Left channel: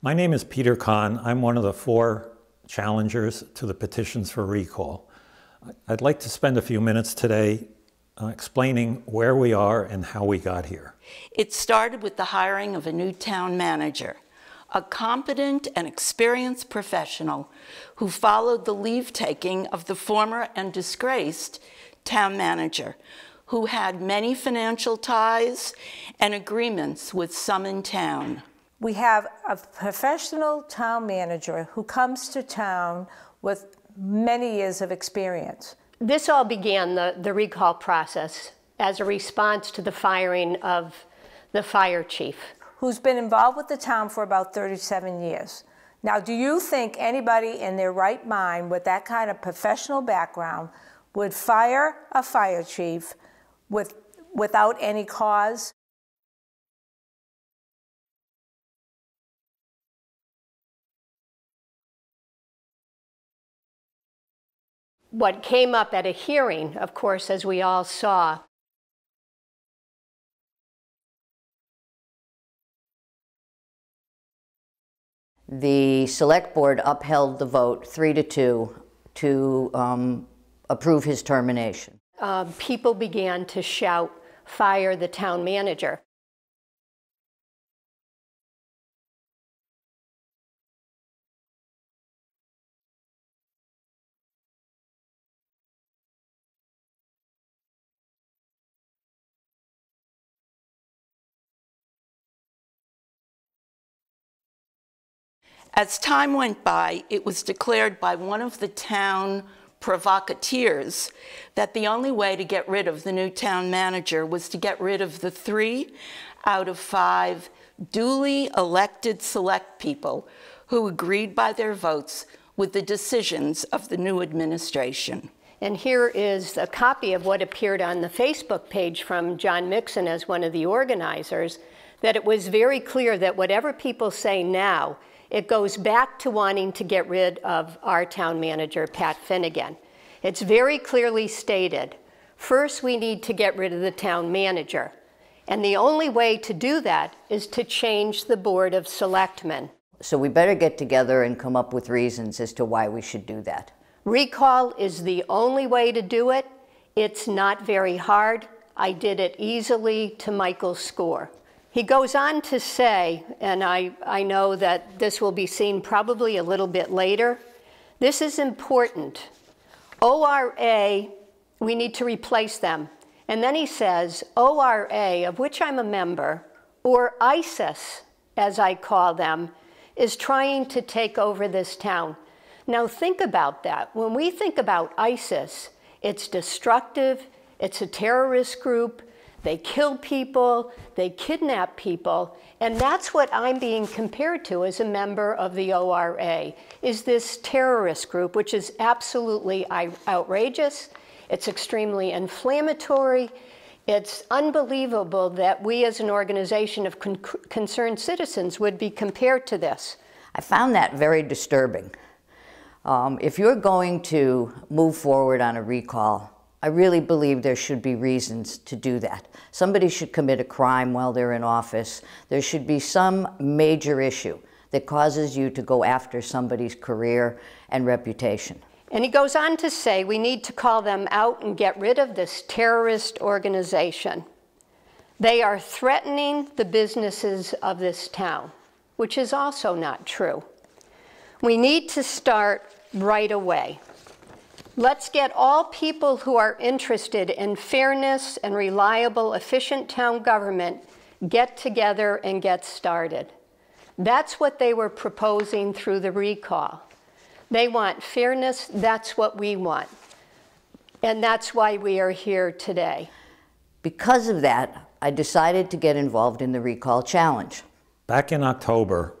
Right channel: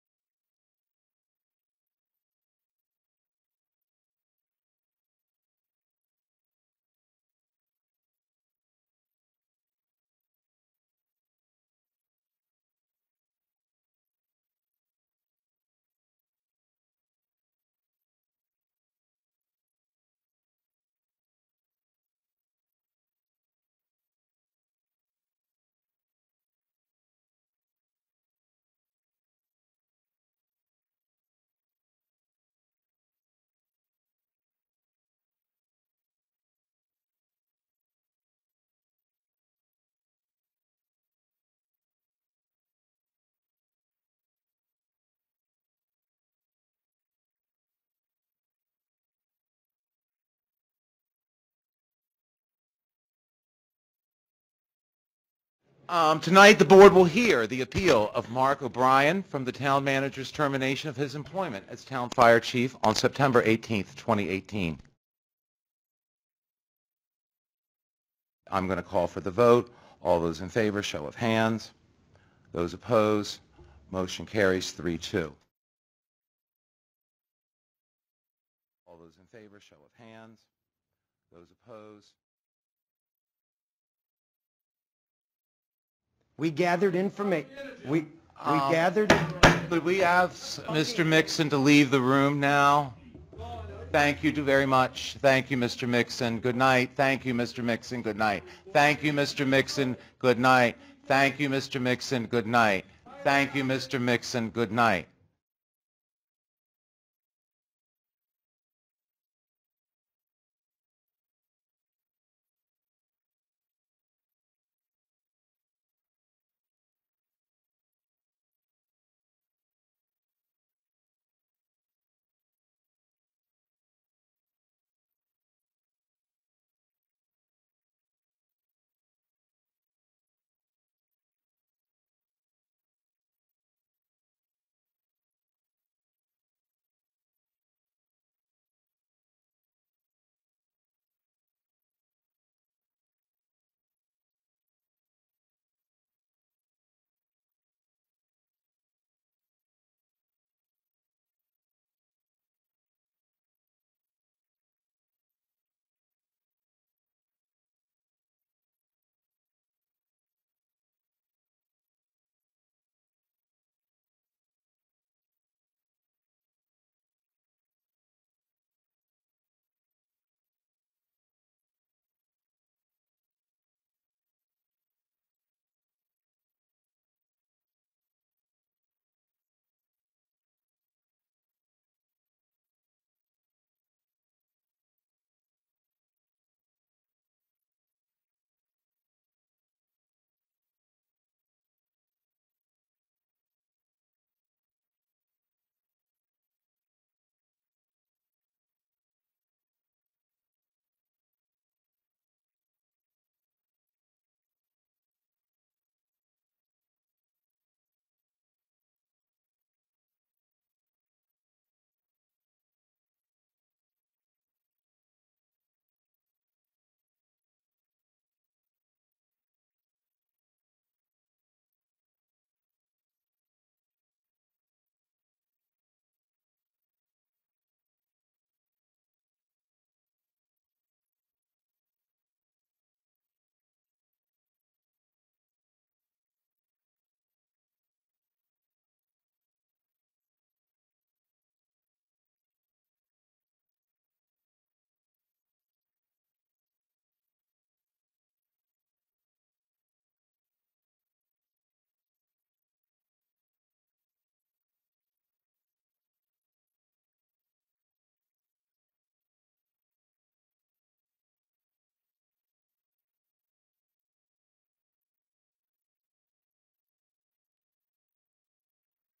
My name is Peter Kahn. I'm one of the 4 challengers to the petitions for recall. I'd like to spend a few minutes today explaining where we are and how we got here. It started with the hiring of a new town manager, a competent and experienced professional who followed the leave-taking of the former and disgraced town manager, who had many financial ties and agreements with some in town. We have a professional town manager who comes to town with many years of experience. This all began the recall process as a response to the firing of the fire chief, who's been involved with the town for about 37 years. Now, do you think anybody in their right mind with that kind of professional background would fire a fire chief without any cause? Tonight, the board will hear the appeal of Mark O'Brien from the town manager's termination of his employment as town fire chief on September 18th, 2018. What came up at a hearing, of course, as we all saw. I'm going to call for the vote. All those in favor, show of hands. Those opposed, motion carries 3-2. The select board upheld the vote 3-2 to approve his termination. People began to shout, "Fire the town manager." We gathered information. We gathered. Could we have Mr. Mixon to leave the room now? Thank you very much. Thank you, Mr. Mixon. Good night. Thank you, Mr. Mixon. Good night. Thank you, Mr. Mixon. Good night. Thank you, Mr. Mixon. Good night. Thank you, Mr. Mixon. Good night. As time went by, it was declared by one of the town provocateurs that the only way to get rid of the new town manager was to get rid of the 3 out of 5 duly elected select people who agreed by their votes with the decisions of the new administration. And here is a copy of what appeared on the Facebook page from John Mixon as one of the organizers, that it was very clear that whatever people say now, it goes back to wanting to get rid of our town manager, Pat Finnegan. It's very clearly stated, first we need to get rid of the town manager. And the only way to do that is to change the Board of Selectmen. So we better get together and come up with reasons as to why we should do that. Recall is the only way to do it. It's not very hard. I did it easily to Michael's score. He goes on to say, and I know that this will be seen probably a little bit later, this is important. ORA, we need to replace them. And then he says, ORA, of which I'm a member, or ISIS, as I call them, is trying to take over this town. Now think about that. When we think about ISIS, it's destructive, it's a terrorist group, they kill people, they kidnap people, and that's what I'm being compared to as a member of the ORA, is this terrorist group, which is absolutely outrageous, it's extremely inflammatory, it's unbelievable that we as an organization of concerned citizens would be compared to this. I found that very disturbing. If you're going to move forward on a recall, I really believe there should be reasons to do that. Somebody should commit a crime while they're in office. There should be some major issue that causes you to go after somebody's career and reputation. And he goes on to say we need to call them out and get rid of this terrorist organization. They are threatening the businesses of this town, which is also not true. We need to start right away. Let's get all people who are interested in fairness and reliable, efficient town government get together and get started. That's what they were proposing through the recall. They want fairness, that's what we want. And that's why we are here today. Because of that, I decided to get involved in the recall challenge. Back in October,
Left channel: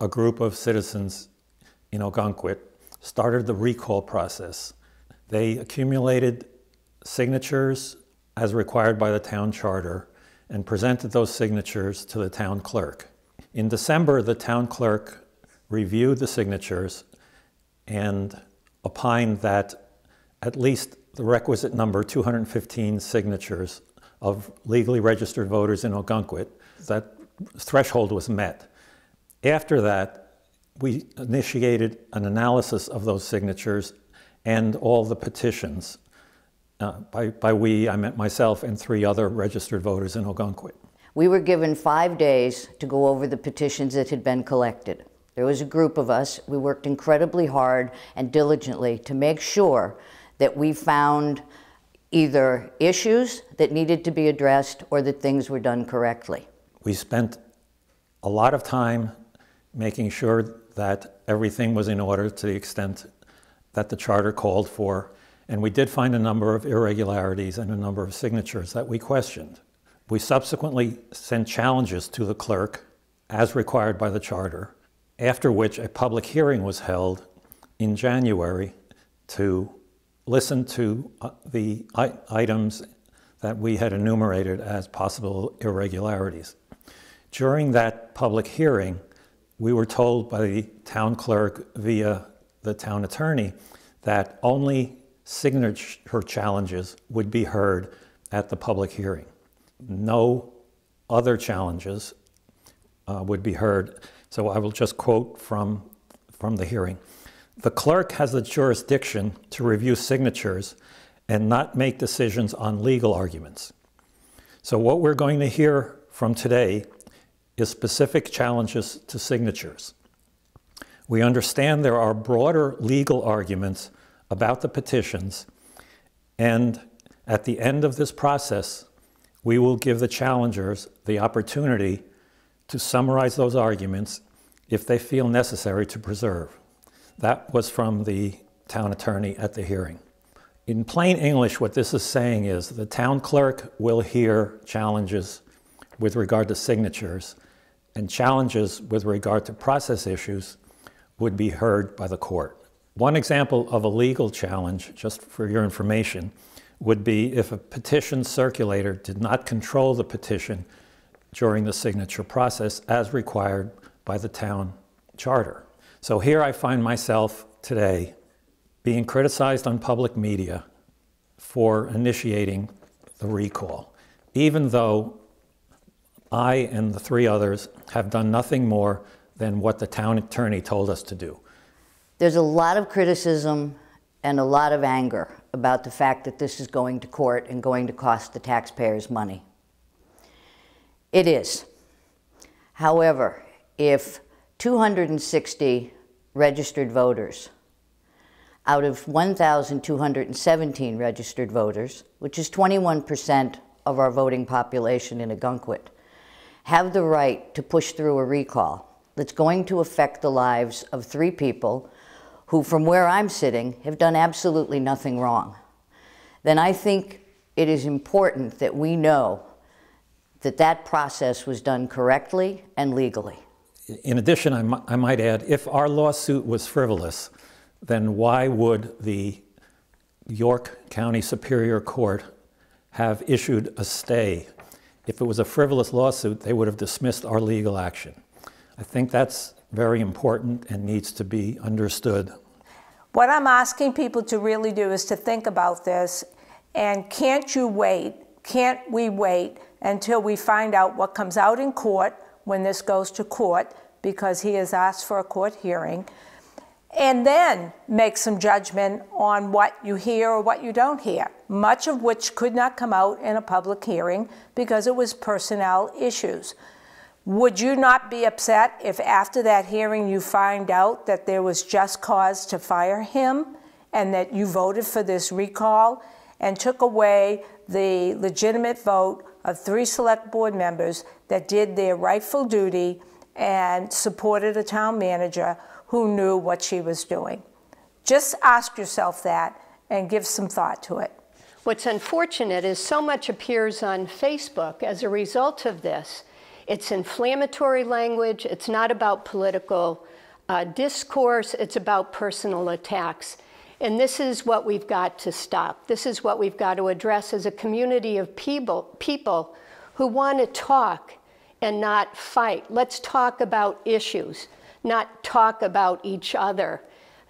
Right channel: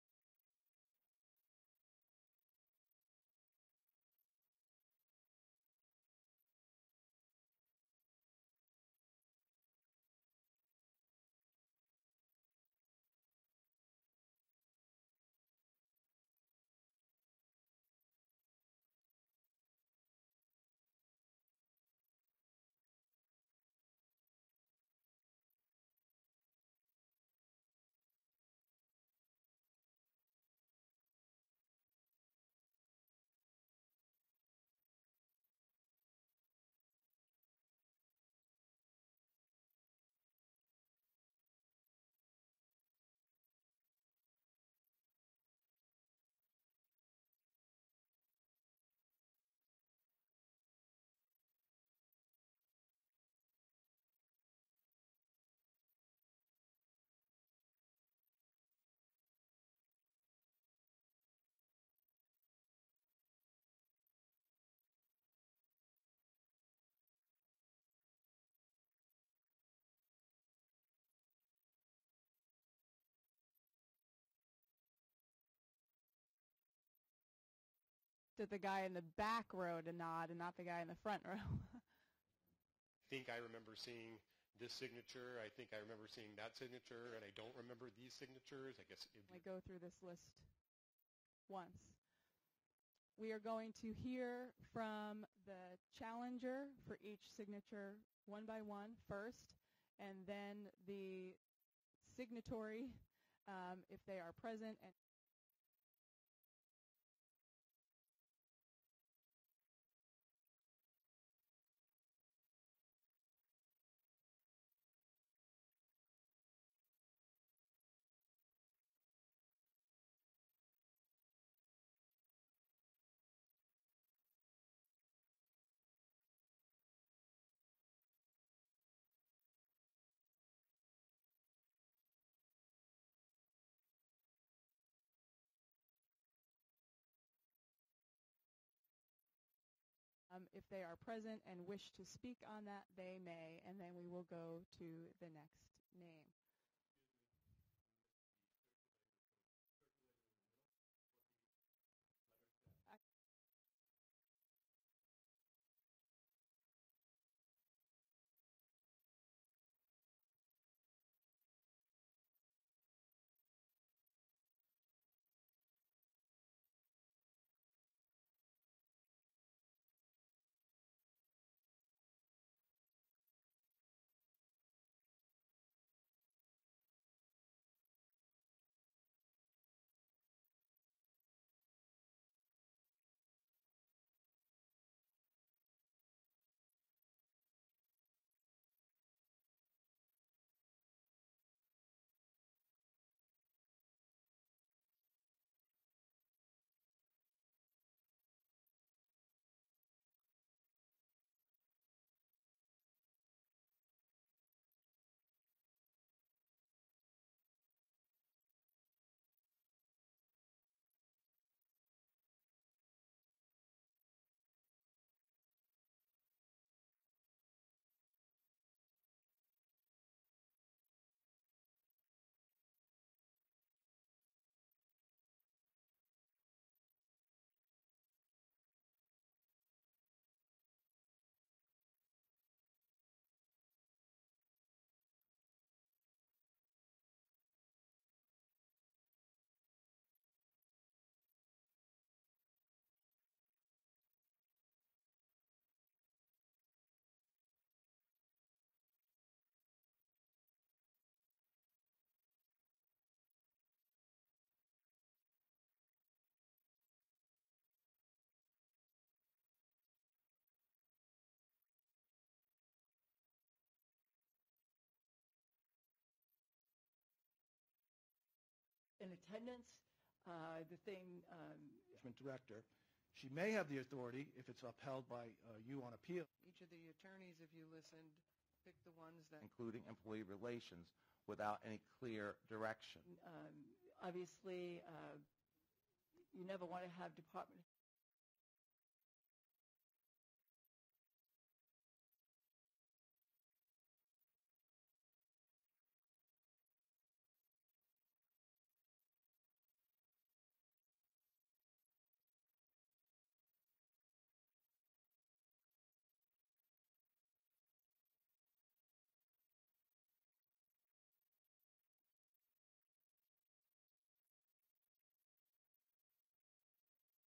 a group of citizens in Ogunquit started the recall process. They accumulated signatures as required by the town charter and presented those signatures to the town clerk. In December, the town clerk reviewed the signatures and opined that at least the requisite number, 215 signatures of legally registered voters in Ogunquit, that threshold was met. After that, we initiated an analysis of those signatures and all the petitions. By we, I meant myself and 3 other registered voters in Ogunquit. We were given 5 days to go over the petitions that had been collected. There was a group of us. We worked incredibly hard and diligently to make sure that we found either issues that needed to be addressed or that things were done correctly. We spent a lot of time making sure that everything was in order to the extent that the charter called for, and we did find a number of irregularities and a number of signatures that we questioned. We subsequently sent challenges to the clerk as required by the charter, after which a public hearing was held in January to listen to the items that we had enumerated as possible irregularities. During that public hearing, we were told by the town clerk via the town attorney that only signature challenges would be heard at the public hearing. No other challenges would be heard. So I will just quote from the hearing. The clerk has the jurisdiction to review signatures and not make decisions on legal arguments. So what we're going to hear from today is specific challenges to signatures. We understand there are broader legal arguments about the petitions, and at the end of this process, we will give the challengers the opportunity to summarize those arguments if they feel necessary to preserve. That was from the town attorney at the hearing. In plain English, what this is saying is the town clerk will hear challenges with regard to signatures, and challenges with regard to process issues would be heard by the court. One example of a legal challenge, just for your information, would be if a petition circulator did not control the petition during the signature process as required by the town charter. So here I find myself today being criticized on public media for initiating the recall, even though I and the 3 others have done nothing more than what the town attorney told us to do. There's a lot of criticism and a lot of anger about the fact that this is going to court and going to cost the taxpayers money. It is. However, if 260 registered voters out of 1,217 registered voters, which is 21% of our voting population in Ogunquit, have the right to push through a recall that's going to affect the lives of 3 people who, from where I'm sitting, have done absolutely nothing wrong, then I think it is important that we know that that process was done correctly and legally. In addition, I might add, if our lawsuit was frivolous, then why would the York County Superior Court have issued a stay? If it was a frivolous lawsuit, they would have dismissed our legal action. I think that's very important and needs to be understood. What I'm asking people to really do is to think about this, and can't we wait until we find out what comes out in court when this goes to court, because he has asked for a court hearing, and then make some judgment on what you hear or what you don't hear, much of which could not come out in a public hearing because it was personnel issues. Would you not be upset if after that hearing you find out that there was just cause to fire him and that you voted for this recall and took away the legitimate vote of 3 select board members that did their rightful duty and supported a town manager who knew what she was doing? Just ask yourself that and give some thought to it. What's unfortunate is so much appears on Facebook as a result of this. It's inflammatory language. It's not about political discourse. It's about personal attacks. And this is what we've got to stop. This is what we've got to address as a community of people who want to talk and not fight. Let's talk about issues, not talk about each other.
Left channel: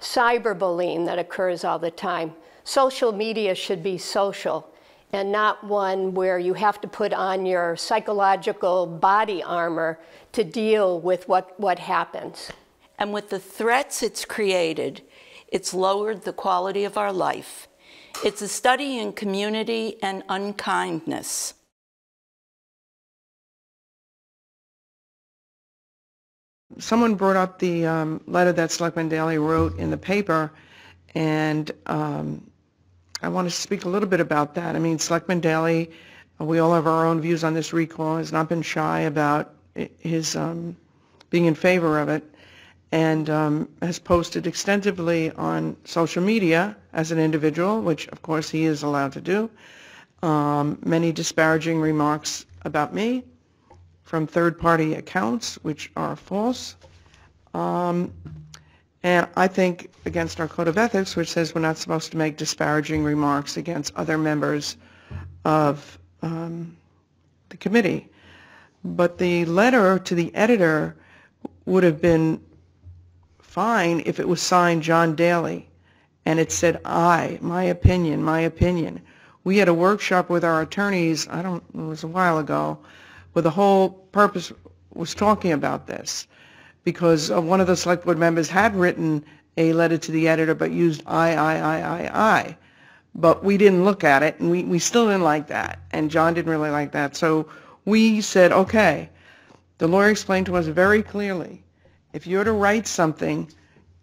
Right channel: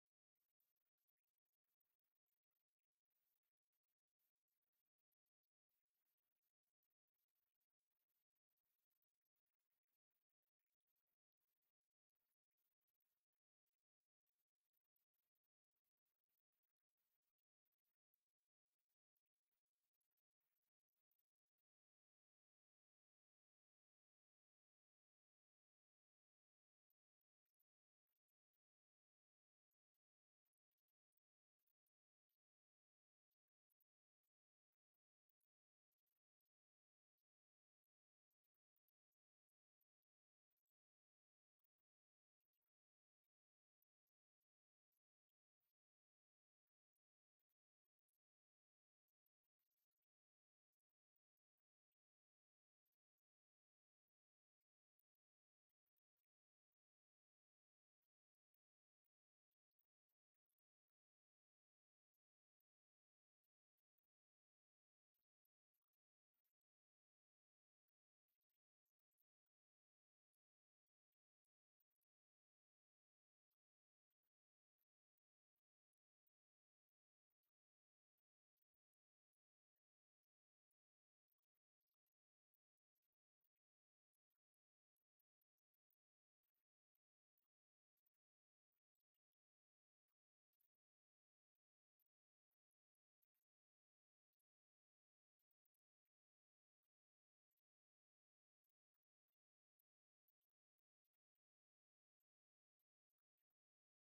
Cyberbullying that occurs all the time. Social media should be social and not one where you have to put on your psychological body armor to deal with what happens. And with the threats it's created, it's lowered the quality of our life. It's a study in community and unkindness. Someone brought up the letter that Selectman Daley wrote in the paper, and I want to speak a little bit about that. I mean, Selectman Daley, we all have our own views on this recall, has not been shy about his being in favor of it, and has posted extensively on social media as an individual, which of course he is allowed to do, many disparaging remarks about me from third-party accounts, which are false. And I think against our code of ethics, which says we're not supposed to make disparaging remarks against other members of the committee. But the letter to the editor would have been fine if it was signed John Daley and it said, my opinion, my opinion. We had a workshop with our attorneys, it was a while ago, where the whole purpose was talking about this, because one of the select board members had written a letter to the editor but used I. But we didn't look at it, and we still didn't like that, and John didn't really like that. So we said, okay, the lawyer explained to us very clearly, if you're to write something,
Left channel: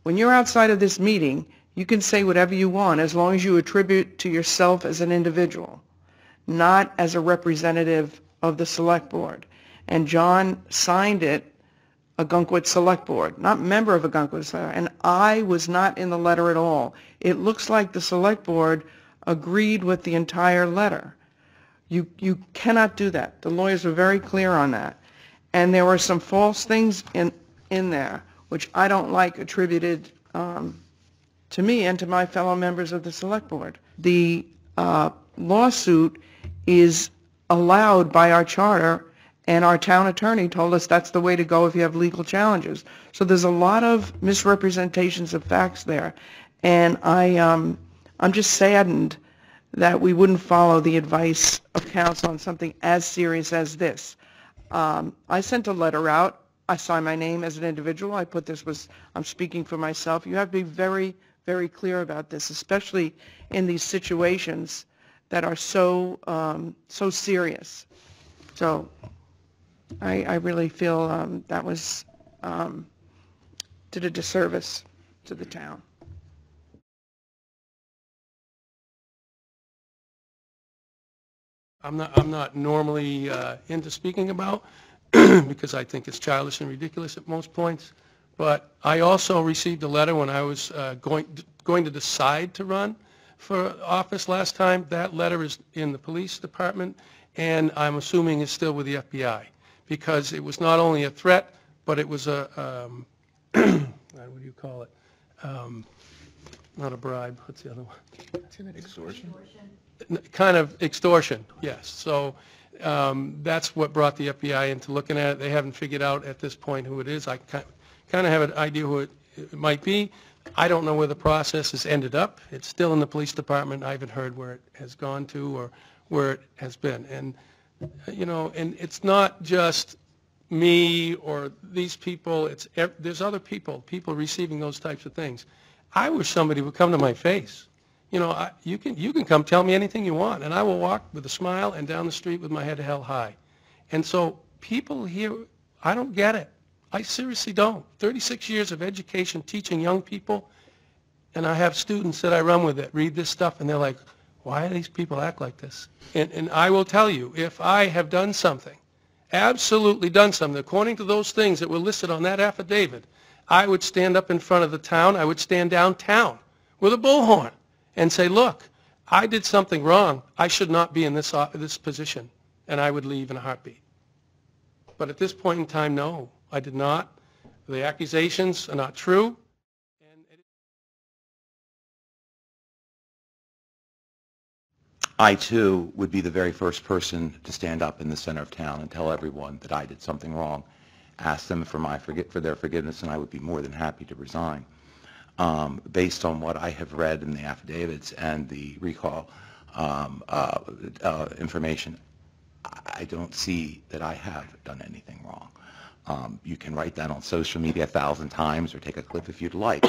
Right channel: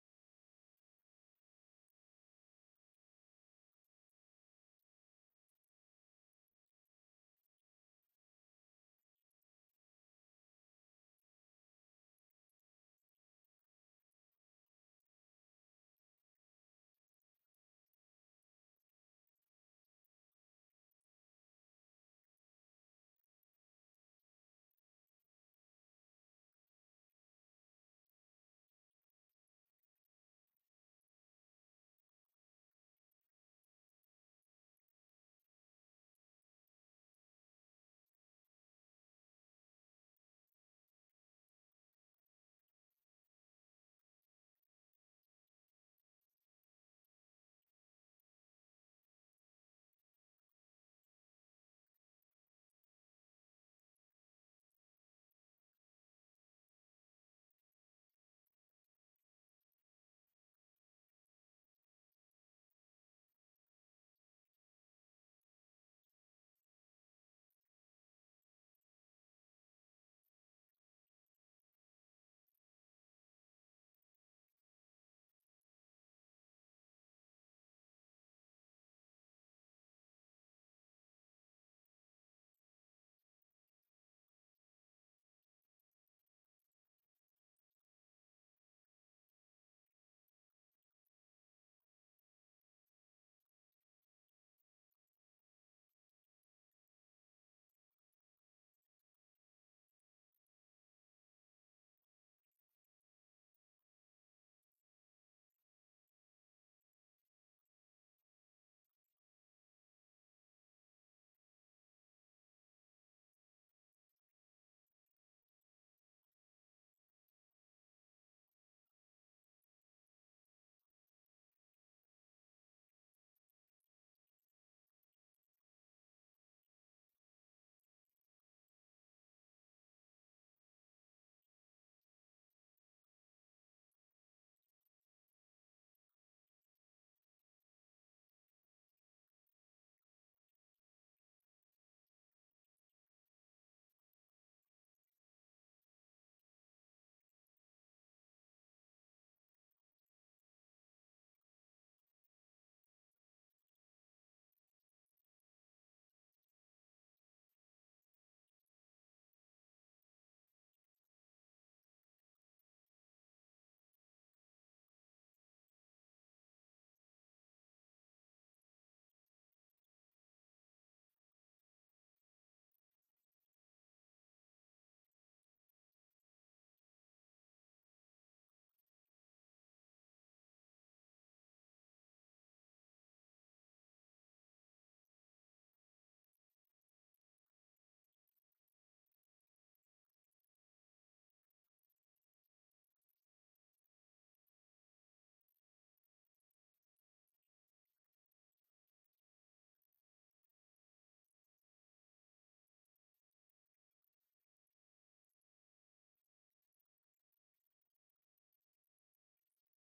when you're outside of this meeting, you can say whatever you want as long as you attribute to yourself as an individual, not as a representative of the select board. And John signed it, Ogunquit Select Board, not member of Ogunquit Select Board, and I was not in the letter at all. It looks like the Select Board agreed with the entire letter. You cannot do that. The lawyers were very clear on that. And there were some false things in there, which I don't like attributed to me and to my fellow members of the Select Board. The lawsuit is allowed by our charter, and our town attorney told us that's the way to go if you have legal challenges. So there's a lot of misrepresentations of facts there, and I'm just saddened that we wouldn't follow the advice of counsel on something as serious as this. I sent a letter out. I signed my name as an individual. I put I'm speaking for myself. You have to be very, very clear about this, especially in these situations that are so serious. So I really feel that was did a disservice to the town. I'm not normally into speaking about because I think it's childish and ridiculous at most points. But I also received a letter when I was going to decide to run for office last time. That letter is in the police department, and I'm assuming it's still with the FBI, because it was not only a threat, but it was a what do you call it? Not a bribe. What's the other one? Extortion. Kind of extortion, yes. So that's what brought the FBI into looking at it. They haven't figured out at this point who it is. I kind of have an idea who it might be. I don't know where the process has ended up. It's still in the police department. I haven't heard where it has gone to or where it has been. And, you know, and it's not just me or these people. There's other people receiving those types of things. I wish somebody would come to my face. You know, you can come tell me anything you want, and I will walk with a smile and down the street with my head held high. And so people here, I don't get it. I seriously don't. 36 years of education teaching young people, and I have students that I run with that read this stuff, and they're like, why do these people act like this? And I will tell you, if I have done something, absolutely done something, according to those things that were listed on that affidavit, I would stand up in front of the town, I would stand downtown with a bullhorn and say, look, I did something wrong. I should not be in this position, and I would leave in a heartbeat. But at this point in time, no, I did not. The accusations are not true. I, too, would be the very first person to stand up in the center of town and tell everyone that I did something wrong, ask them for their forgiveness, and I would be more than happy to resign. Based on what I have read in the affidavits and the recall information, I don't see that I have done anything wrong. You can write that on social media 1,000 times or take a clip if you'd like,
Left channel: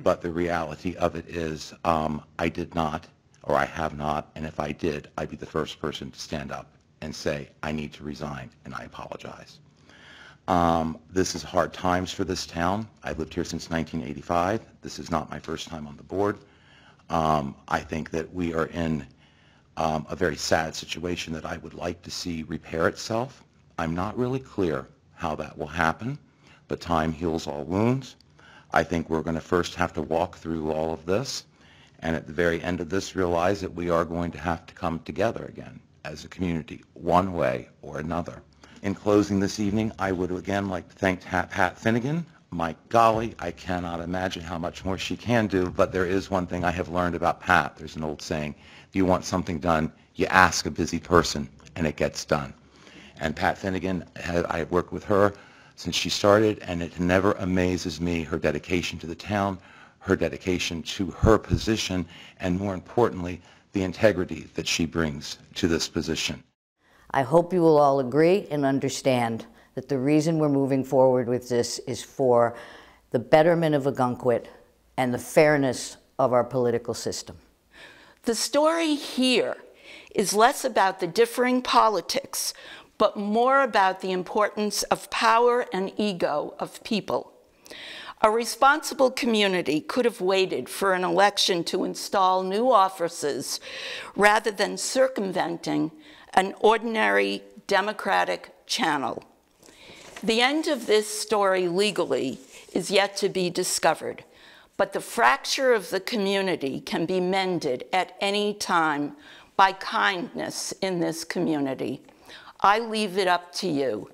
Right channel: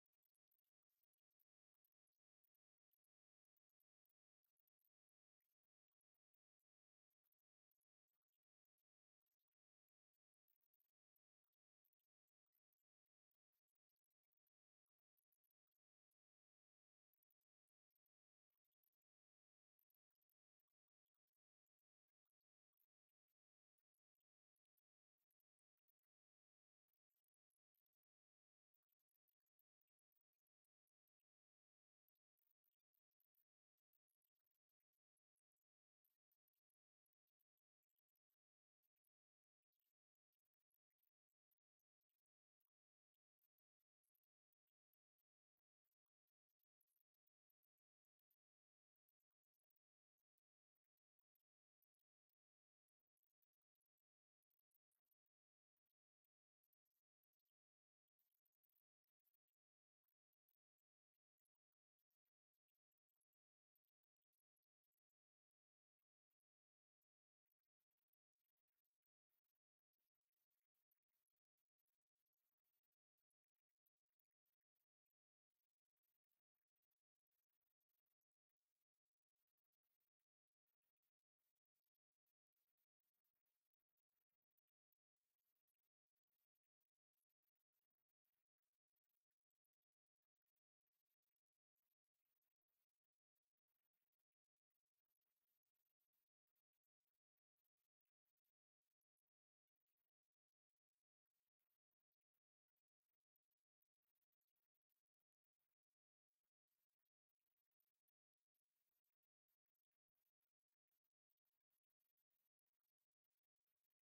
but the reality of it is I did not, or I have not, and if I did, I'd be the first person to stand up and say, I need to resign, and I apologize. This is hard times for this town. I've lived here since 1985. This is not my first time on the board. I think that we are in a very sad situation that I would like to see repair itself. I'm not really clear how that will happen, but time heals all wounds. I think we're going to first have to walk through all of this, and at the very end of this realize that we are going to have to come together again as a community, one way or another. In closing this evening, I would again like to thank Pat Finnegan. My golly, I cannot imagine how much more she can do, but there is one thing I have learned about Pat. There's an old saying, if you want something done, you ask a busy person, and it gets done. And Pat Finnegan, I have worked with her since she started, and it never amazes me, her dedication to the town, her dedication to her position, and more importantly, the integrity that she brings to this position. I hope you will all agree and understand that the reason we're moving forward with this is for the betterment of Ogunquit and the fairness of our political system. The story here is less about the differing politics, but more about the importance of power and ego of people. A responsible community could have waited for an election to install new officers rather than circumventing an ordinary democratic channel. The end of this story legally is yet to be discovered, but the fracture of the community can be mended at any time by kindness in this community. I leave it up to you.